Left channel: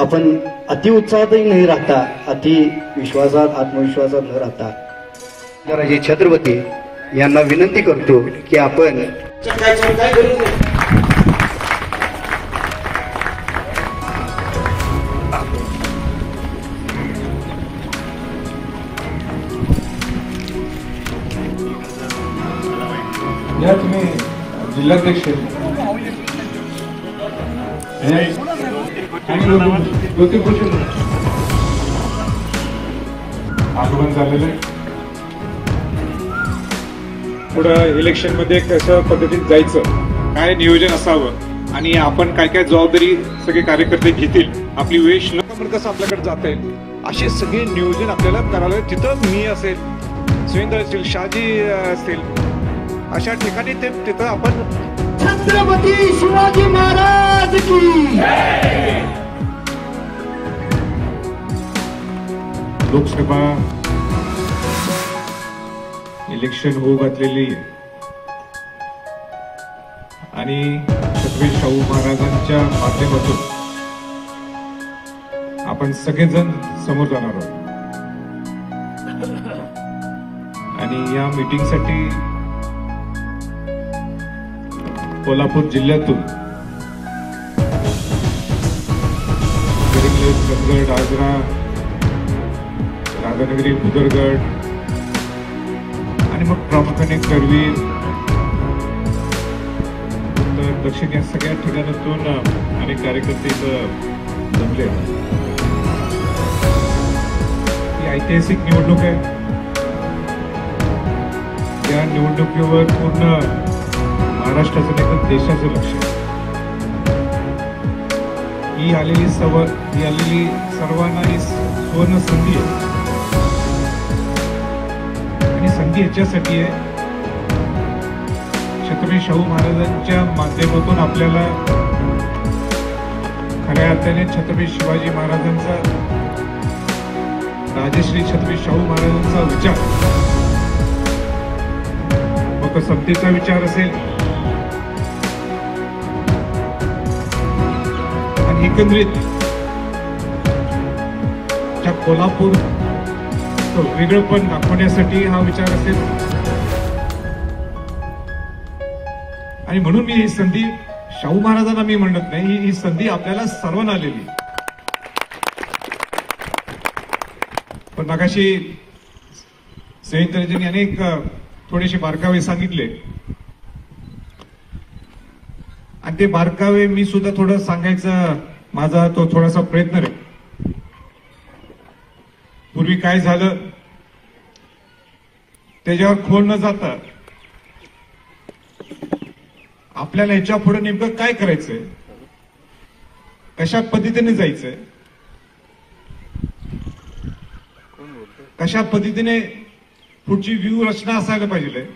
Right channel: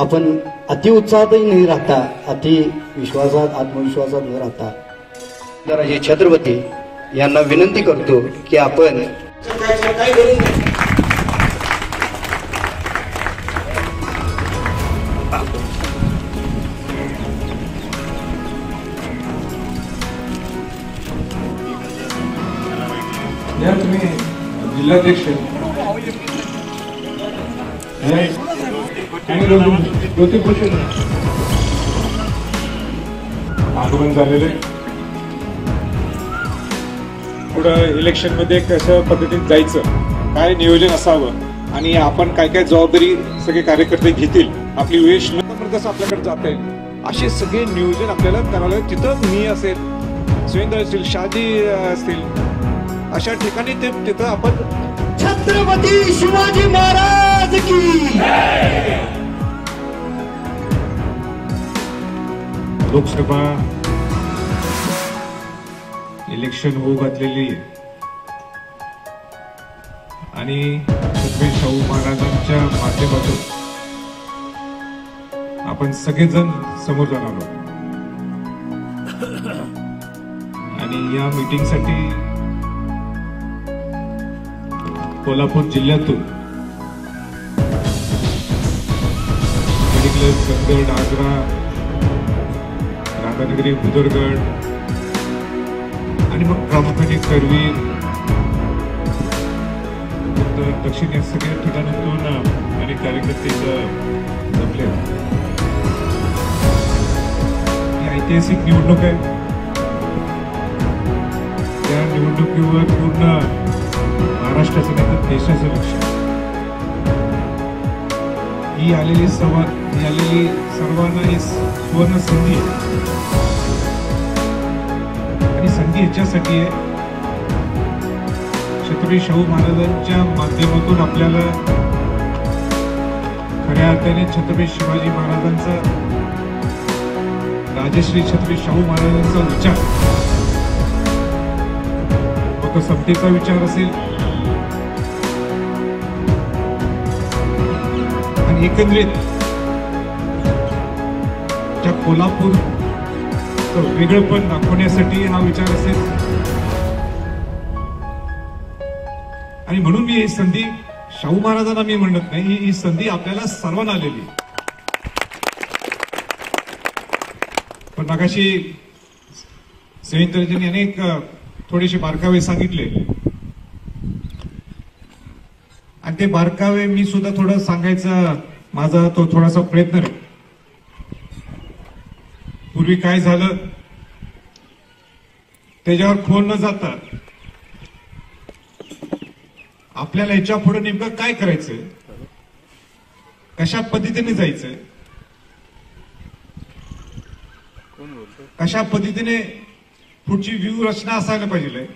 आपण अति उत्साहातही नाही राहता, अति विश्वासात आत्मविश्वासात न राहता जरा हे छत्रपती यांना विनंती करतो की आपण या तुम्ही जिल्हाध्यक्ष आगमन झालेले पुढं इलेक्शन मध्ये कशा पद्धतीने जायचं, काय नियोजन असावं आणि आपण काय काय जबाबदारी सगळे कार्यकर्ते घेतील, आपली वेश न कसं आपल्याकडे जाता येईल असे सगळे नियोजन आपल्याला करायला तिथं मी असेल, सुरेंद्र असतील, शहाजी असतील, अशा ठिकाणी तिथं आपण छत्रपती शिवाजी महाराज की लोकसभा इलेक्शन होऊ घातलेली आणि छत्रपती शाहू महाराजांच्या माध्यमातून आपण सगळेजण समोर जाणार आहोत आणि या मीटिंगसाठी कोल्हापूर जिल्ह्यातून चंदगड, आग्रा, राधानगरी, भुदरगड आणि मग प्रामुख्याने करवीर, दक्षिण या सगळ्या ठिकाणातून अनेक कार्यकर्ते जमले. ही ऐतिहासिक निवडणूक आहे. या निवडणुकीवर पूर्ण महाराष्ट्राचं नाही देशाचं लक्ष आहे. ही आलेली सर्वांना ही सुवर्ण संधी आहे आणि संधी याच्यासाठी आहे छत्रपती शाहू महाराजांच्या माध्यमातून आपल्याला खऱ्या अर्थाने छत्रपती शिवाजी महाराजांचा, राजश्री छत्रपती शाहू महाराजांचा विचार, लोकसत्तेचा विचार असेल, एकंदरीत त्या कोल्हापूर वेगळेपण दाखवण्यासाठी हा विचार असेल आणि म्हणून मी ही संधी शाहू महाराजांना मी म्हणत नाही, ही संधी आपल्याला सर्वांना आलेली. पण मगाशी संयुक्तजींनी अनेक थोडेसे बारकावे सांगितले आणि ते बारकावे मी सुद्धा थोडं सांगायचा माझा तो थोडासा प्रयत्न आहे. पूर्वी काय झालं त्याच्यावर खोल न जाता आपल्याला याच्या पुढे नेमकं काय करायचंय, कशा पद्धतीने जायचंय, कशा पद्धतीने पुढची व्यूह रचना असायला पाहिजे,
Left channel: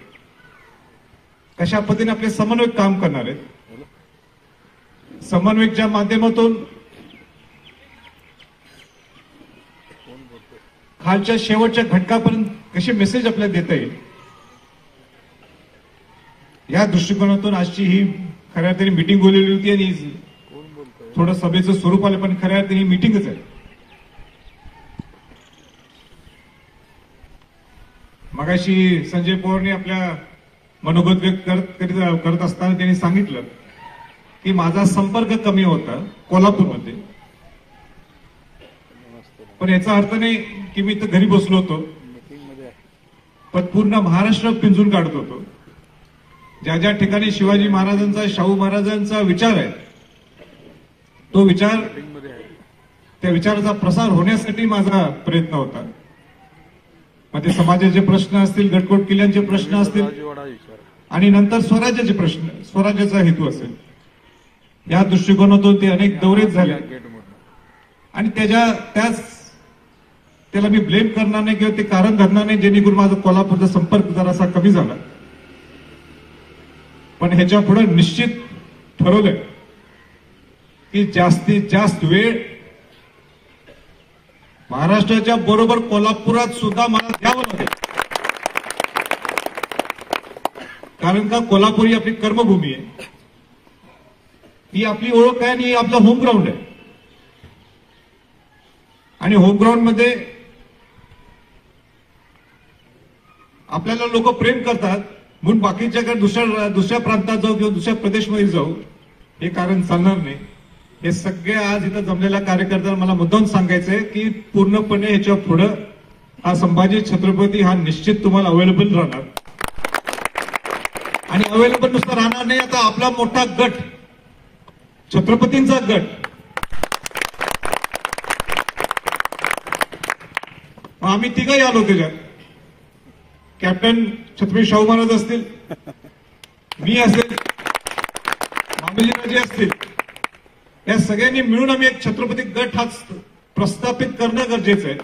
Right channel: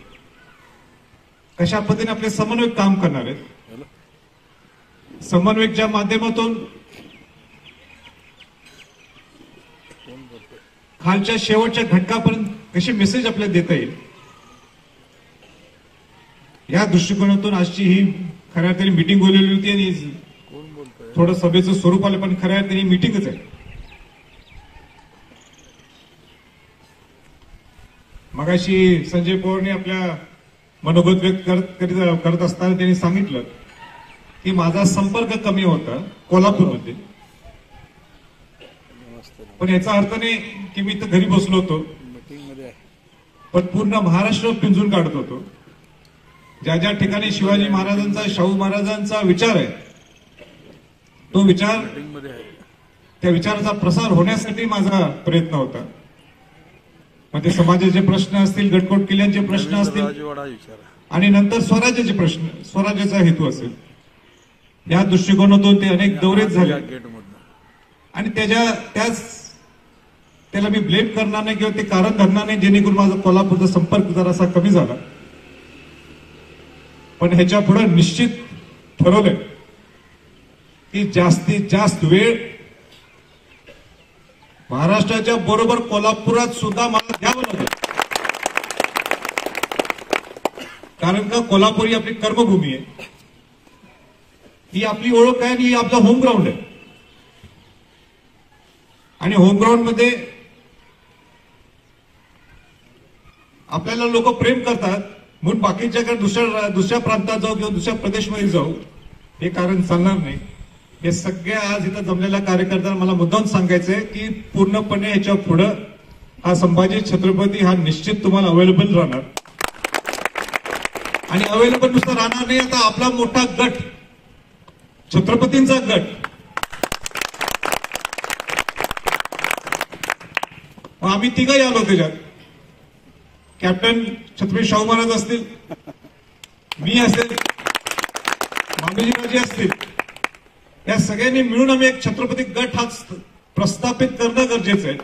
कशा पद्धतीने आपले समन्वयक काम करणार आहेत, समन्वयकच्या माध्यमातून खालच्या शेवटच्या घटकापर्यंत कसे मेसेज आपल्याला देता येईल, या दृष्टिकोनातून आजची ही खऱ्या अर्थाने मीटिंग बोललेली होती आणि थोडं सभेचं स्वरूप आलं पण खऱ्या अर्थाने मीटिंगच आहे. मगाशी संजय पवारने आपल्या मनोगत व्यक्त करत असताना त्यांनी सांगितलं की माझा संपर्क कमी होता कोल्हापूरमध्ये, पण याचा अर्थ नाही की मी तर घरी बसलो होतो, पण पूर्ण महाराष्ट्र पिंजून काढत होतो. ज्या ज्या ठिकाणी शिवाजी महाराजांचा, शाहू महाराजांचा विचार आहे तो विचार, त्या विचाराचा प्रसार होण्यासाठी माझा प्रयत्न होता. मग ते समाजाचे प्रश्न असतील, गटकोट किल्ल्यांचे प्रश्न असतील आणि नंतर स्वराज्याचे प्रश्न, स्वराज्याचा हेतू असेल, या दृष्टिकोनातून ते अनेक दौरेच झाले आणि त्याला मी ब्लेम करणार नाही किंवा ते कारण धरणार नाही जेणेकरून माझा कोल्हापूरचा संपर्क जरासा कमी झाला. पण ह्याच्या पुढे निश्चित ठरवलंय की जास्तीत जास्त वेळ महाराष्ट्राच्या बरोबर कोल्हापुरात सुद्धा मला द्यावं लागेल, कारण का कोल्हापूर ही आपली कर्मभूमी आहे, ही आपली ओळख आहे आणि ही आपला होम ग्राउंड आहे. आणि होम ग्राउंड मध्ये आपल्याला लोक प्रेम करतात म्हणून बाकीच्याकडे दुसऱ्या प्रांतात जाऊ किंवा दुसऱ्या प्रदेशमध्ये जाऊ हे कारण चालणार नाही. हे सगळ्या आज इथं जमलेल्या कार्यकर्त्यांना मला मुद्दाम सांगायचंय की पूर्णपणे याच्या पुढे हा संभाजी छत्रपती हा निश्चित तुम्हाला अवेलेबल राहणार. आणि अवेलेबल नुसतं राहणार नाही, आता आपला मोठा गट छत्रपतींचा गट आम्ही तिघही आलो त्याच्यात. कॅप्टन छत्रपती शाहू महाराज असतील, मी असेल, मामूजीराजे असतील, या सगळ्यांनी मिळून आम्ही एक छत्रपती गट हा प्रस्थापित करणं गरजेचं आहे.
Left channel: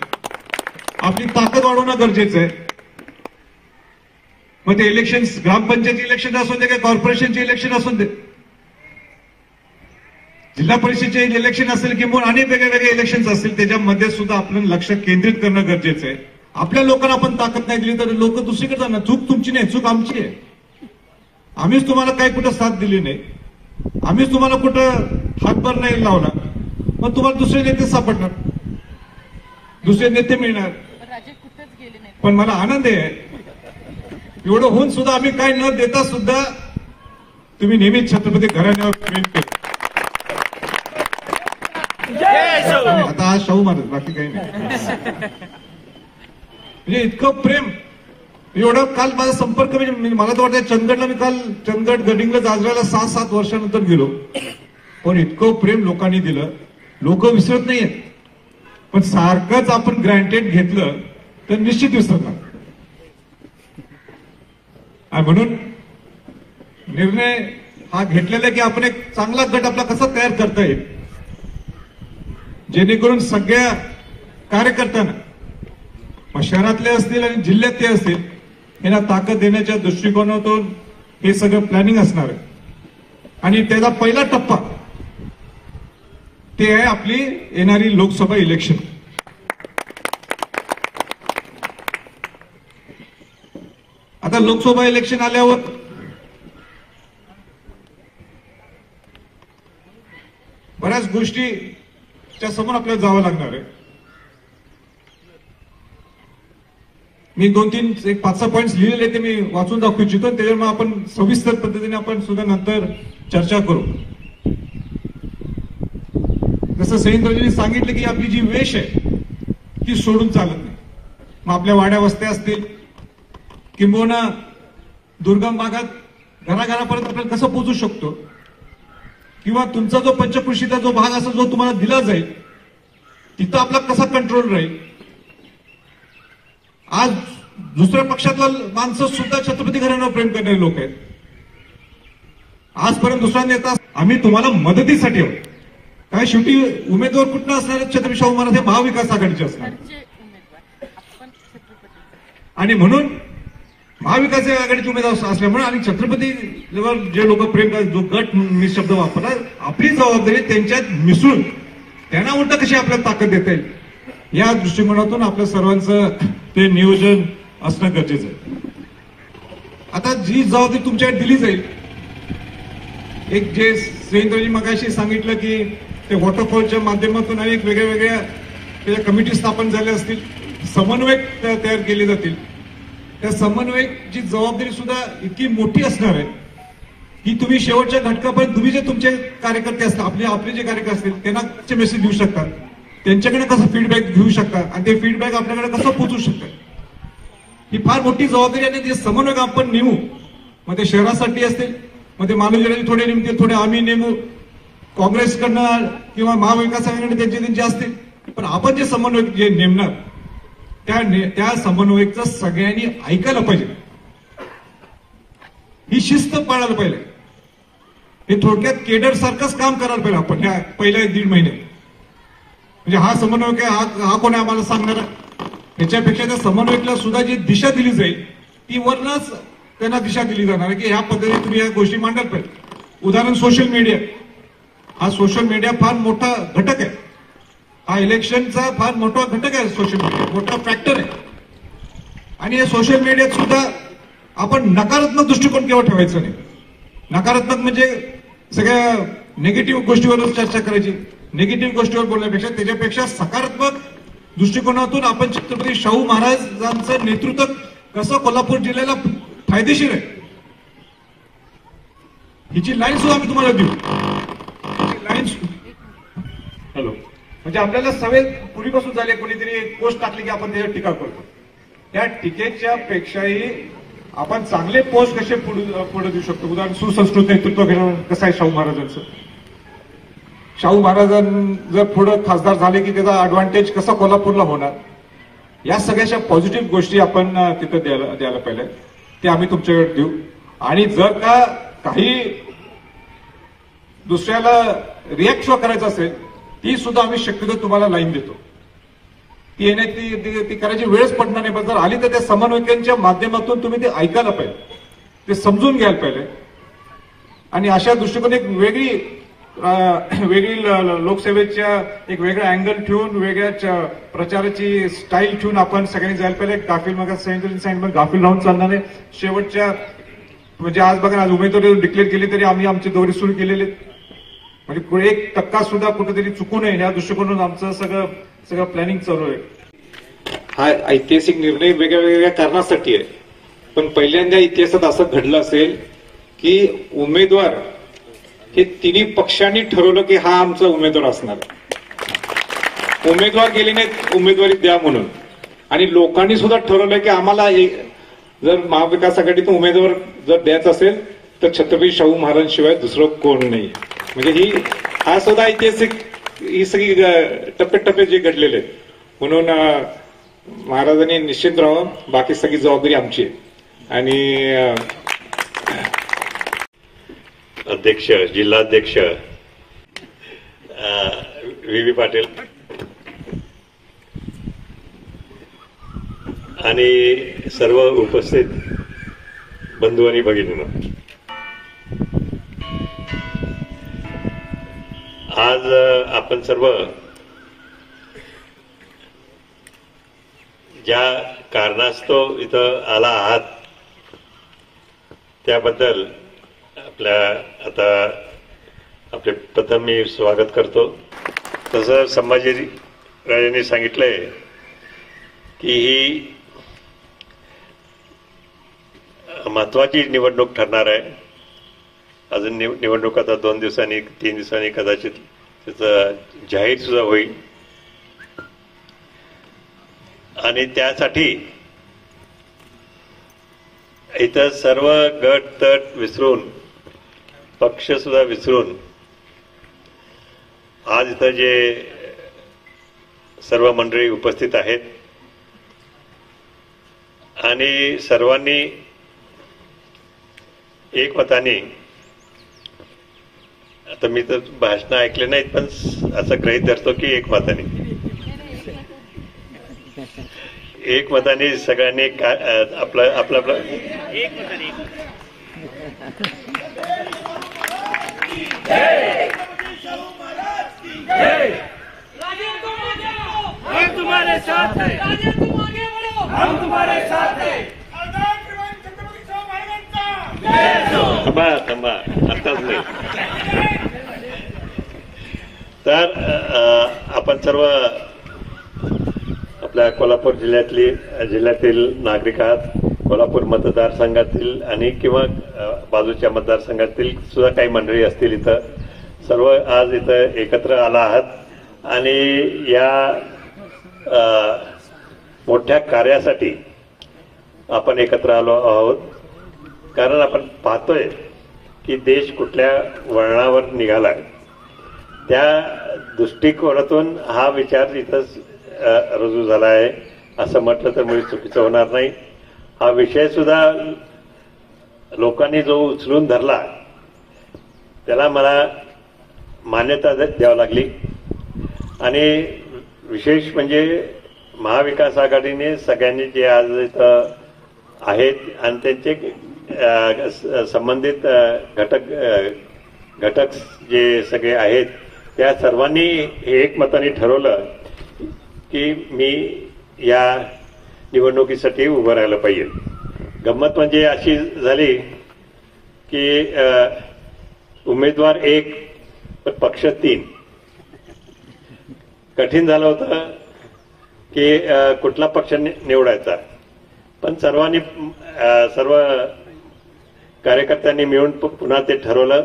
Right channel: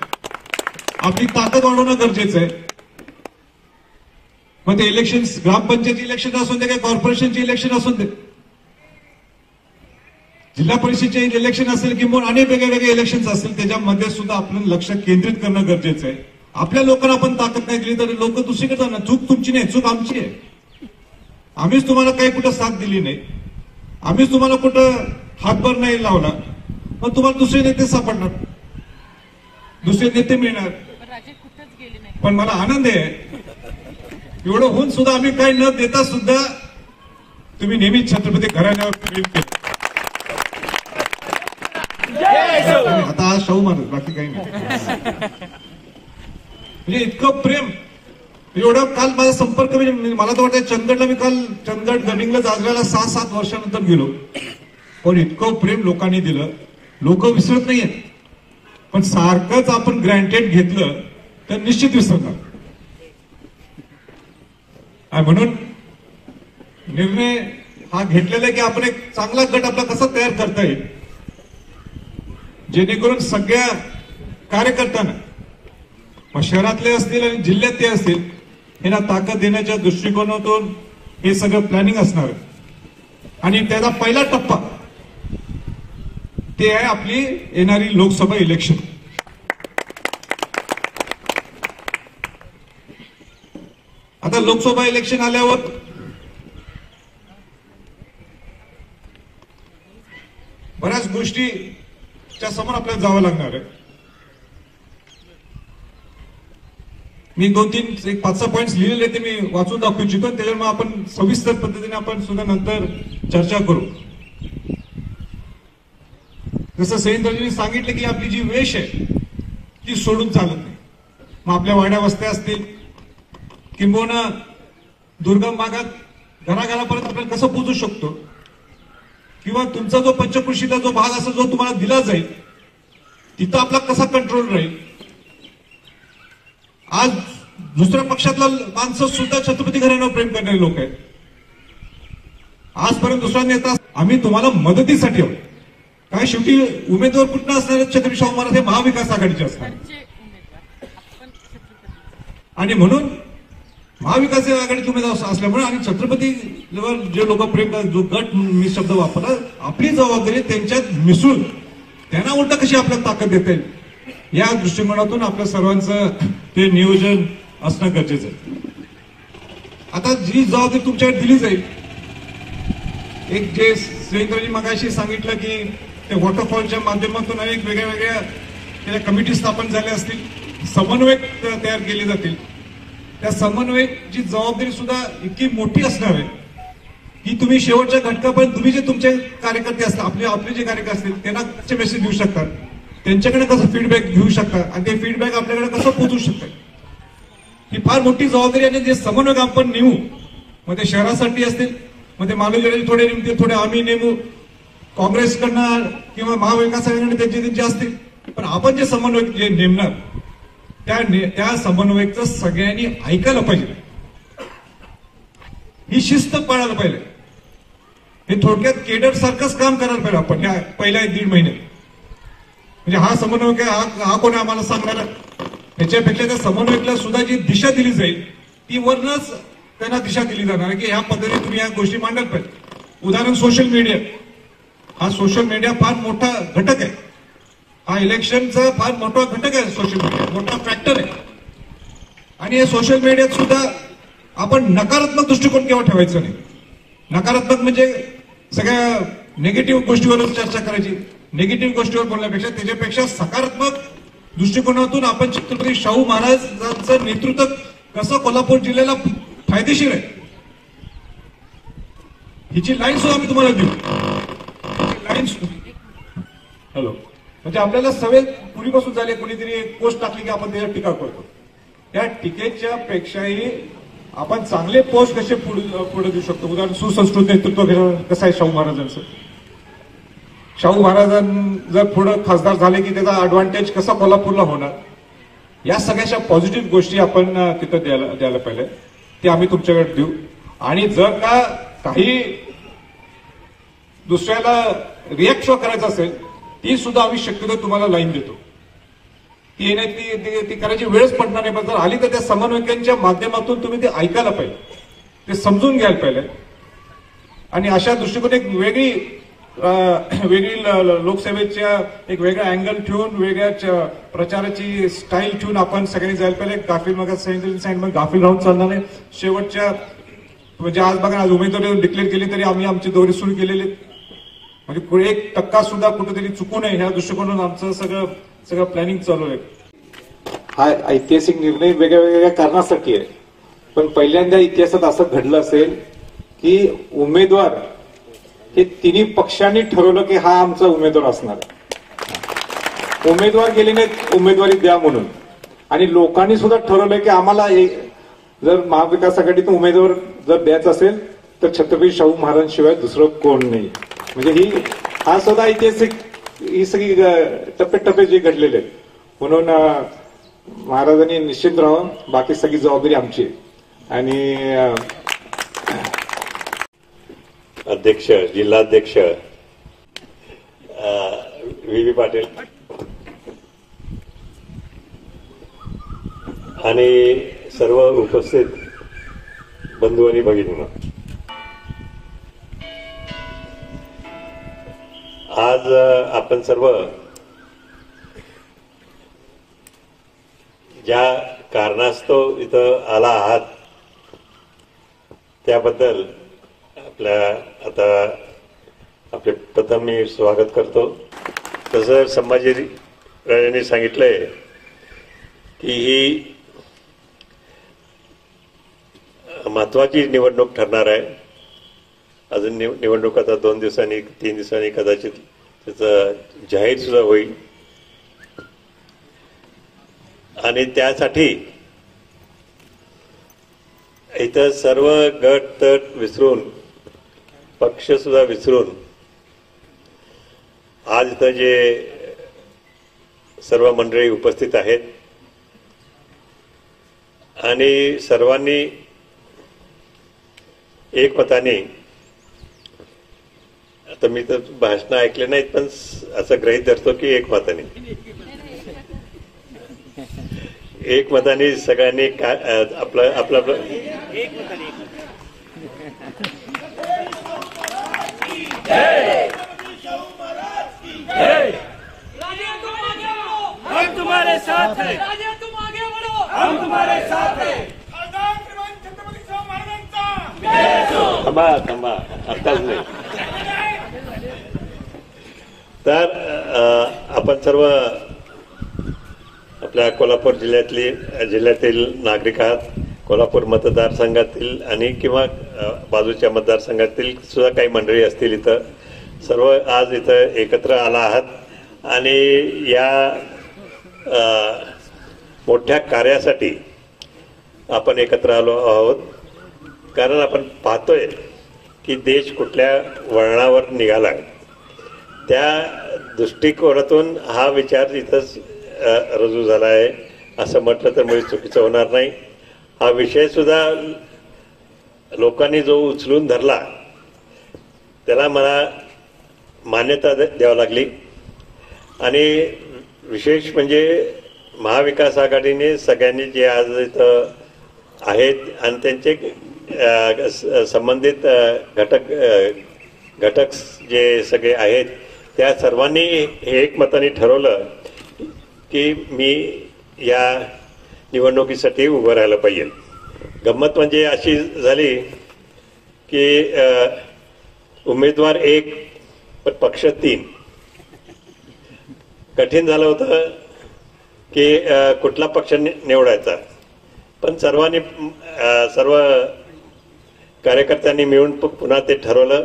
आपली ताकद वाढवणं गरजेचं आहे. मग ते इलेक्शन ग्रामपंचायत इलेक्शन असू दे किंवा कॉर्पोरेशनचे इलेक्शन असू दे, जिल्हा परिषदेचे इलेक्शन असेल किंवा अनेक वेगवेगळे इलेक्शन असतील, त्याच्यामध्ये सुद्धा आपलं लक्ष केंद्रित करणं गरजेचं आहे. आपल्या लोकांना आपण ताकद नाही दिली तर लोक दुसरीकडे जाणार. चूक तुमची नाही, चूक आमची आहे. आम्हीच तुम्हाला काही कुठं साथ दिली नाही, आम्हीच तुम्हाला कुठं हातभार नाही लावला, मग तुम्हाला दुसरे नेते सापडणार, दुसरे नेते मिळणार. पण मला आनंद आहे एवढं होऊन सुद्धा आम्ही काही न देता सुद्धा तुम्ही नेहमीच छत्रपती घराण्यावर प्रेम केलं. आता हा शाहू महाराज, बाकी काही नाही. म्हणजे इतकं प्रेम एवढं. काल माझा संपर्क मला तर वाटतं चंदगडला, मी काल चंदगड गडिंगला जाजराला 6-7 वर्षानंतर गेलो, पण इतकं प्रेम लोकांनी दिलं. लोक विसरत नाहीयेत, पण सारखंच आपण ग्रँटेड घेतलं तर निश्चित विसरणार. म्हणून निर्णय हा घेतलेला आहे की आपण एक चांगला गट आपला कसा तयार करता येईल, जेणेकरून सगळ्या कार्यकर्त्यांना, शहरातले असतील आणि जिल्ह्यातले असतील, यांना ताकद देण्याच्या दृष्टिकोनातून हे सगळं प्लॅनिंग असणार आहे. आणि त्याचा पहिला टप्पा ते आहे आपली येणारी लोकसभा इलेक्शन. आता लोकसभा इलेक्शन आल्यावर बऱ्याच गोष्टीच्या समोर आपल्याला जावं लागणार आहे. मी 2-3 एक 5-6 पॉइंट्स लिहिलेले ते मी वाचून दाखवू इच्छितो, त्याच्यामुळे आपण सविस्तर पद्धतीने आपण सुद्धा नंतर चर्चा करू. जसं सैनिकराजांनी सांगितलं की आपली जी वेश आहे ती सोडून चालत नाही. मग आपल्या वाड्या वस्त्या असतील किंबहुना दुर्गम भागात घराघरापर्यंत आपल्याला कसं पोहोचू शकतो, किंवा तुमचा जो पंचकृषीचा जो भाग असेल जो तुम्हाला दिला जाईल तिथं आपला कसा कंट्रोल राहील. आज दुसऱ्या पक्षातला माणसं सुद्धा छत्रपती घराण्यावर प्रेम करणारे लोक आहेत. आजपर्यंत दुसरा नेता आम्ही तुम्हाला मदतीसाठी आहोत. काय शेवटी उमेदवार कुठं असणार, छत्रपती शाहू महाराज हे महाविकास आघाडीचे असणार. आणि म्हणून महाविकास आघाडीचे उमेदवार असल्यामुळे आणि छत्रपती जे लोक प्रेम करतात, जो गट मी शब्द वापरला, आपली जबाबदारी त्यांच्यात मिसळून त्यांना उलट कशी आपल्याला ताकद देता येईल या दृष्टिकोनातून आपल्या सर्वांचं ते नियोजन असणं गरजेचं आहे. आता जी जबाबदारी तुमच्याकडे दिली जाईल, एक जे सुरेंद्रजी मगाशी सांगितलं की ते वॉटरफॉलच्या माध्यमातून अनेक वेगळ्या त्याच्या कमिटी स्थापन झाल्या असतील, समन्वयक तयार केले जातील. त्या समन्वयकची जबाबदारी सुद्धा इतकी मोठी असणार आहे की तुम्ही शेवटच्या घटकापर्यंत तुम्ही जे तुमचे कार्यकर्ते असतात, आपले जे कार्यकर्ते असतील त्यांना कसे मेसेज देऊ शकतात, त्यांच्याकडे कसं फीडबॅक घेऊ शकतात आणि ते फीडबॅक आपल्याकडे कसं पोहोचू शकतात, ही फार मोठी जबाबदारी. आणि जे समन्वयक आपण नेमू, मग ते शहरासाठी असतील, मग ते मालूजरांनी थोडे नेमतील, थोडे आम्ही नेमू, काँग्रेसकडनं किंवा महाविकास आघाडीकडे त्यांचे असतील, पण आपण जे समन्वयक जे नेमणार त्या समन्वयकचं सगळ्यांनी ऐकायला पाहिजे, ही शिस्त पाळायला पाहिजे. हे थोडक्यात केडर सारखंच काम करायला पाहिजे आपण ह्या पहिल्या 1.5 महिन्यात. म्हणजे हा समन्वयक आहे, हा कोण आम्हाला सांगणार आहे, त्याच्यापेक्षा त्या समन्वयकला सुद्धा जी दिशा दिली जाईल ती वरनच त्यांना दिशा दिली जाणार आहे की ह्या पद्धतीने तुम्ही या गोष्टी मांडायला पाहिजे. उदाहरण सोशल मीडिया. हा सोशल मीडिया फार मोठा घटक आहे, हा इलेक्शनचा फार मोठा घटक आहे. सोशल मीडिया मोठा फॅक्टर आहे. आणि या सोशल मीडियात सुद्धा आपण नकारात्मक दृष्टिकोन केव्हा ठेवायचं नाही. नकारात्मक म्हणजे सगळ्या निगेटिव्ह गोष्टीवरच चर्चा करायची, निगेटिव्ह गोष्टीवर बोलण्यापेक्षा त्याच्यापेक्षा सकारात्मक दृष्टिकोनातून आपण छत्रपती शाहू महाराजांचं नेतृत्व कसं कोल्हापूर जिल्ह्याला फायदेशीर आहे हिची लाईन सुद्धा आम्ही तुम्हाला देऊ. हिची लाईन हॅलो म्हणजे आपल्याला सवय पूर्वीपासून झाली. कोणीतरी एक पोस्ट टाकली की आपण त्याच्यावर टीका करतो. त्या टीकेच्या पेक्षाही आपण चांगले पोस्ट कसे पुढे देऊ शकतो. उदाहरण सुसंस्कृत नेतृत्व कसं आहे शाहू महाराजांचं. शाहू महाराजां जर पुढे खासदार झाले की त्याचा ऍडव्हान्टेज कसा कोल्हापूरला होणार. या सगळ्याच्या पॉझिटिव्ह गोष्टी आपण तिथं द्यायला पाहिजे. ते आम्ही तुमच्याकडे देऊ. आणि जर का काही दुसऱ्याला रिॲक्ट शो करायचं असेल ती सुद्धा आम्ही शक्यतो तुम्हाला लाईन देतो. ती येण्याची ती करायची वेळच पडणार नाही. पण जर आली तर त्या समन्वयकांच्या माध्यमातून तुम्ही ते ऐकायला पाहिजे. ते समजून घ्यायला पाहिजे. आणि अशा दृष्टिकोन एक वेगळी लोकसेवेच्या एक वेगळा अँगल ठेवून वेगळ्या प्रचाराची स्टाईल ठेवून आपण सगळ्यांनी जायला पाहिजे. गाफील मग सांगितलं गाफील राहून चालणार नाही. शेवटच्या म्हणजे आज बघा आज उमेदवारी डिक्लेअर केली तरी आम्ही आमचे दौरे सुरू केलेले म्हणजे 1% सुद्धा कुठेतरी चुकू नये ह्या दृष्टिकोनातून आमचं सगळं प्लॅनिंग चालू आहे. हा ऐतिहासिक निर्णय वेगळ्या वेगळ्या कारणासाठी आहे. पण पहिल्यांदा इतिहासात असं घडलं असेल की उमेदवार हे तिन्ही पक्षांनी ठरवलं की हा आमचा उमेदवार असणार. उमेदवार गेले नाहीत उमेदवारी द्या म्हणून. आणि लोकांनी सुद्धा ठरवलं की आम्हाला जर महाविकास आघाडीतून उमेदवार जर द्यायचा असेल तर छत्रपती शाहू महाराजांशिवाय दुसरं कोण नाही. म्हणजे हा सुद्धा ऐतिहासिक ही सगळी टप्प्याटप्प्यात जे घडलेले आहेत. म्हणून महाराजांनी निश्चित राहावं. बाकी सगळी जबाबदारी आमची आहे. आणि अध्यक्ष जिल्हाध्यक्ष व्ही पाटील आणि सर्व उपस्थित बंधू आणि भगिनींनो, आज आपण सर्व ज्या कारणास्तव इथं आला आहात त्याबद्दल आपले प्रथम मी स्वागत करतो. तसं संभाजीराजांनी सांगितलंय की ही महत्वाची निवडणूक ठरणार आहे. अजून निवडणूक आता 2 दिवसांनी 3 दिवसांनी कदाचित त्याचं जाहीर सुद्धा होईल. आणि त्यासाठी इथं सर्व गट तट विसरून पक्ष सुद्धा विसरून आज इथं जे सर्व मंडळी उपस्थित आहेत आणि सर्वांनी एकमताने, आता मी तर भाषणं ऐकले नाहीत पण असं गृहीत धरतो की एकमताने सगळ्यांनी आपलं हम तुम्हारे साथ हैं, राजे तुम आगे बढ़ो, हम तुम्हारे साथ हैं. थांबा आताच नाही. तर आपण सर्व आपल्या कोल्हापूर जिल्ह्यातील नागरिक आहात. कोल्हापूर मतदारसंघातील आणि किंवा बाजूच्या मतदारसंघातील सुद्धा काही मंडळी असतील. इथं सर्व आज इथं एकत्र आला आहात आणि या मोठ्या कार्यासाठी आपण एकत्र आलो आहोत. कारण आपण पाहतोय की देश कुठल्या वळणावर निघाला. त्या दृष्टिकोनातून हा विचार इथंच रुजू झाला आहे असं म्हटलं तर म्हणजे चुकीचं होणार नाही. हा विषय सुद्धा लोकांनी जो उचलून धरला त्याला मला मान्यता द्यावी लागली. आणि विशेष म्हणजे महाविकास आघाडीने सगळ्यांनी जे आज इथं आहेत आणि त्यांचे संबंधित घटक जे सगळे आहेत त्या सर्वांनी हे एकमताने ठरवलं की मी या निवडणुकीसाठी उभं राहायला पाहिजे. गंमत म्हणजे अशी झाली की उमेदवार 1 पक्ष 3. कठीण झालं होतं की कुठला पक्ष निवडायचा, पण सर्व कार्यकर्त्यांनी मिळून पुन्हा ते ठरवलं.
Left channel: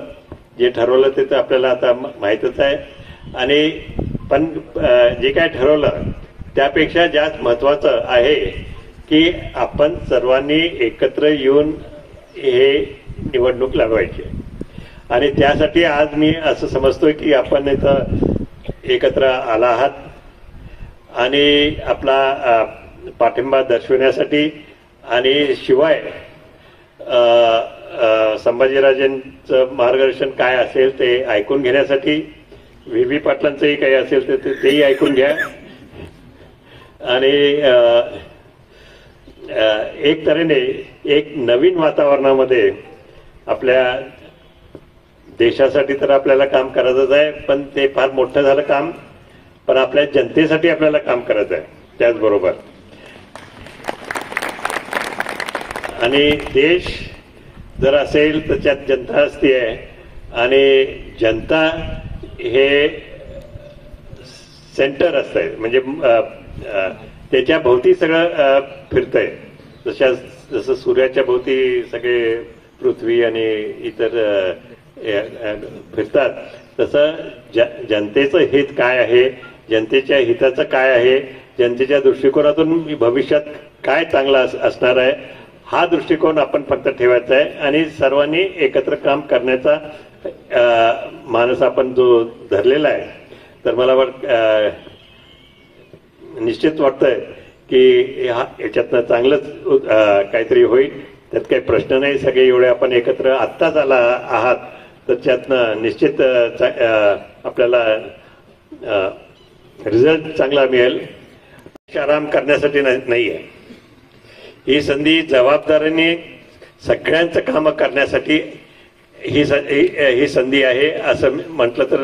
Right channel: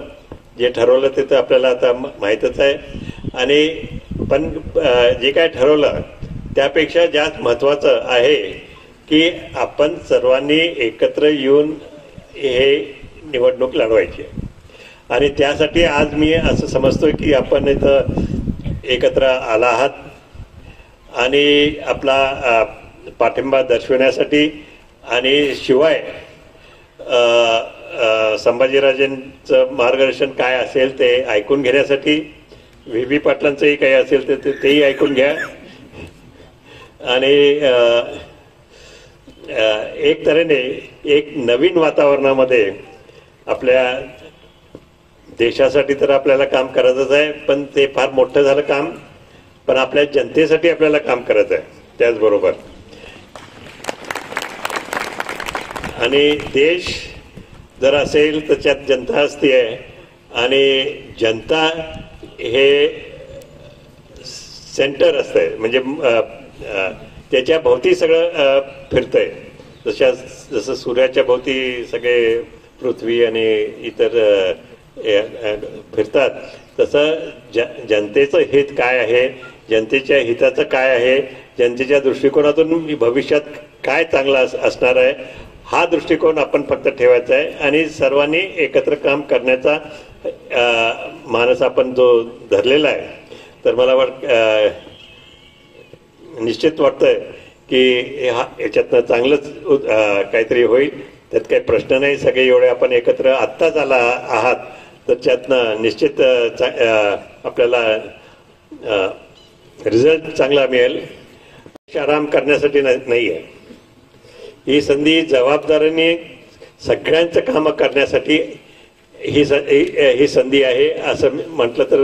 जे ठरवलं ते तर आपल्याला आता माहीतच आहे. आणि पण जे काय ठरवलं त्यापेक्षा जास्त महत्त्वाचं आहे की आपण सर्वांनी एकत्र येऊन हे निवडणूक लढवायची. आणि त्यासाठी आज मी असं समजतोय की आपण इथं एकत्र आला आहात आणि आपला पाठिंबा दर्शवण्यासाठी आणि शिवाय संभाजीराजेंचं मार्गदर्शन काय असेल ते ऐकून घेण्यासाठी, व्ही पाटलांचंही काही असेल तर तेही ऐकून घ्या. आणि एक तऱ्हेने एक नवीन वातावरणामध्ये आपल्या देशासाठी तर आपल्याला काम करायचंच आहे, पण ते फार मोठं झालं काम, पण आपल्या जनतेसाठी आपल्याला काम करायचं आहे त्याचबरोबर. आणि देश जर असेल तर त्यात जनता असते आहे आणि जनता हे सेंटर असतंय, म्हणजे त्याच्या भोवती सगळं फिरतंय. जसं सूर्याच्या भोवती सगळे पृथ्वी आणि इतर फिरतात, तसं जनतेचं हित काय आहे, जनतेच्या हिताचं काय आहे, जनतेच्या दृष्टिकोनातून भविष्यात काय चांगलं असणार आहे, हा दृष्टिकोन आपण फक्त ठेवायचा आहे. आणि सर्वांनी एकत्र काम करण्याचा मानस आपण जो धरलेला आहे, तर मला निश्चित वाटतंय की याच्यातनं चांगलंच काहीतरी होईल. त्यात काही प्रश्न नाही. सगळे एवढे आपण एकत्र आत्ताच आला आहात तर त्यातनं निश्चित आपल्याला रिझल्ट चांगला मिळेल. आराम करण्यासाठी नाही आहे ही संधी. जबाबदारीने सगळ्यांचं कामं करण्यासाठी ही संधी आहे असं म्हटलं तर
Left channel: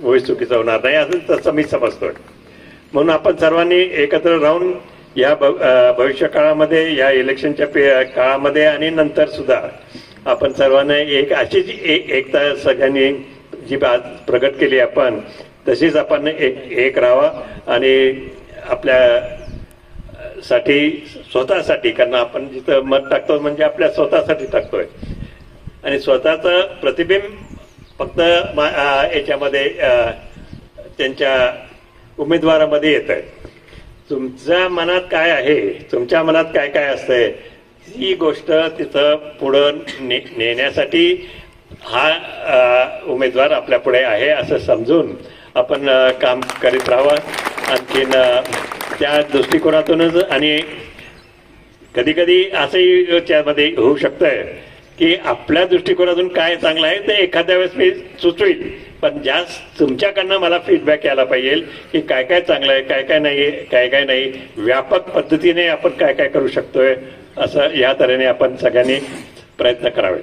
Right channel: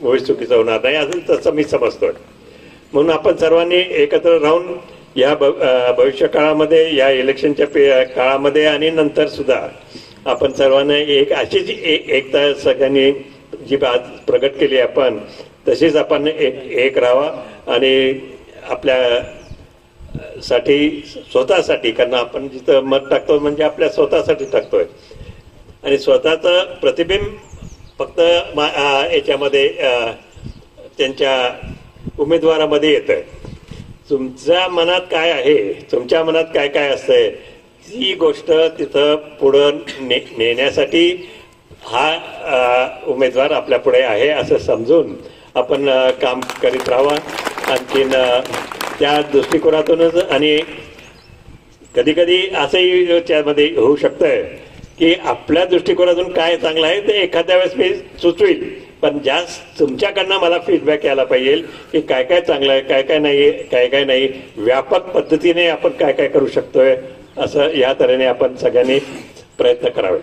मुळीच चुकीचं होणार नाही, असं तसं मी समजतो. म्हणून आपण सर्वांनी एकत्र राहून या भविष्य काळामध्ये, या इलेक्शनच्या काळामध्ये आणि नंतर सुद्धा आपण सर्वांना एक अशीच एकता सगळ्यांनी जी आज प्रगट केली आपण, तशीच आपण एक राहावा आणि आपल्या साठी, स्वतःसाठी, कारण आपण जिथं मत टाकतो म्हणजे आपल्या स्वतःसाठी टाकतोय आणि स्वतःचं प्रतिबिंब फक्त याच्यामध्ये त्यांच्या उमेदवारामध्ये येत आहे. तुमच्या मनात काय आहे, तुमच्या मनात काय काय असतंय, ही गोष्ट तिथं पुढं नेण्यासाठी हा उमेदवार आपल्या पुढे आहे असं समजून आपण काम करीत राहावं. आणखीन त्या दृष्टिकोनातूनच, आणि कधी कधी असंही त्यामध्ये होऊ शकतंय की आपल्या दृष्टिकोनातून काय चांगलं आहे ते एखाद्या वेळेस मी सुचवील, पण जास्त तुमच्याकडनं मला फीडबॅक यायला पाहिजे की काय काय चांगलं आहे, काय काय नाही, व्यापक पद्धतीने आपण काय काय करू शकतोय, असं या तऱ्हेने आपण सगळ्यांनी प्रयत्न करावे.